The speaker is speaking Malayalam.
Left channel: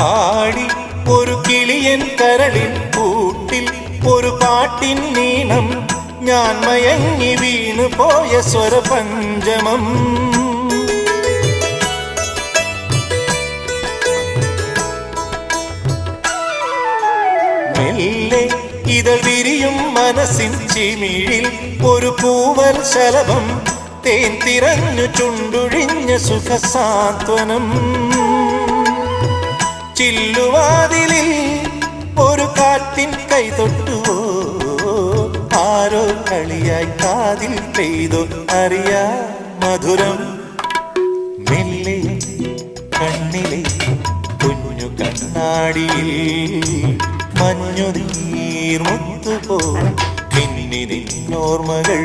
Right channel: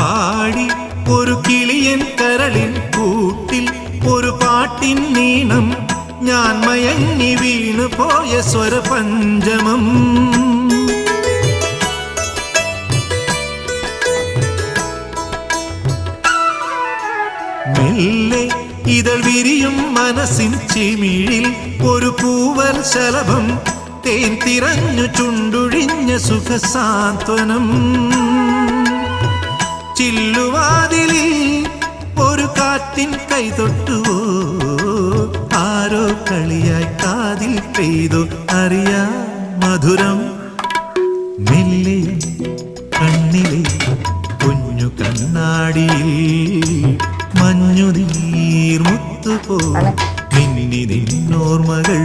പാടി ഒരു കിളിയൻ കരളിൻ കൂട്ടിൽ ഒരു പാട്ടിൻ നീണം ഞാൻ മയങ്ങി വീണു പോയ സ്വരപഞ്ചമം മെല്ലെ ഇതൾ വിരിയും മനസ്സിൻ ചിമിഴിൽ ഒരു പൂവൽ ശലഭം തേൻ തിരഞ്ഞു ചുണ്ടുഴിഞ്ഞ സുഖസാന്ത്വനം ചില്ലുവാതിലിൽ ഒരു കാറ്റിൻ കൈതൊട്ടുവോ ആരോ കളിയായി കാതിൽ പെയ്തോ അറിയാ മധുരം മെല്ലെ കണ്ണിലെ കുഞ്ഞു കണ്ണാടിയിൽ മഞ്ഞുനീർ മുത്തുപോ മിന്നി നിന്നോർമകൾ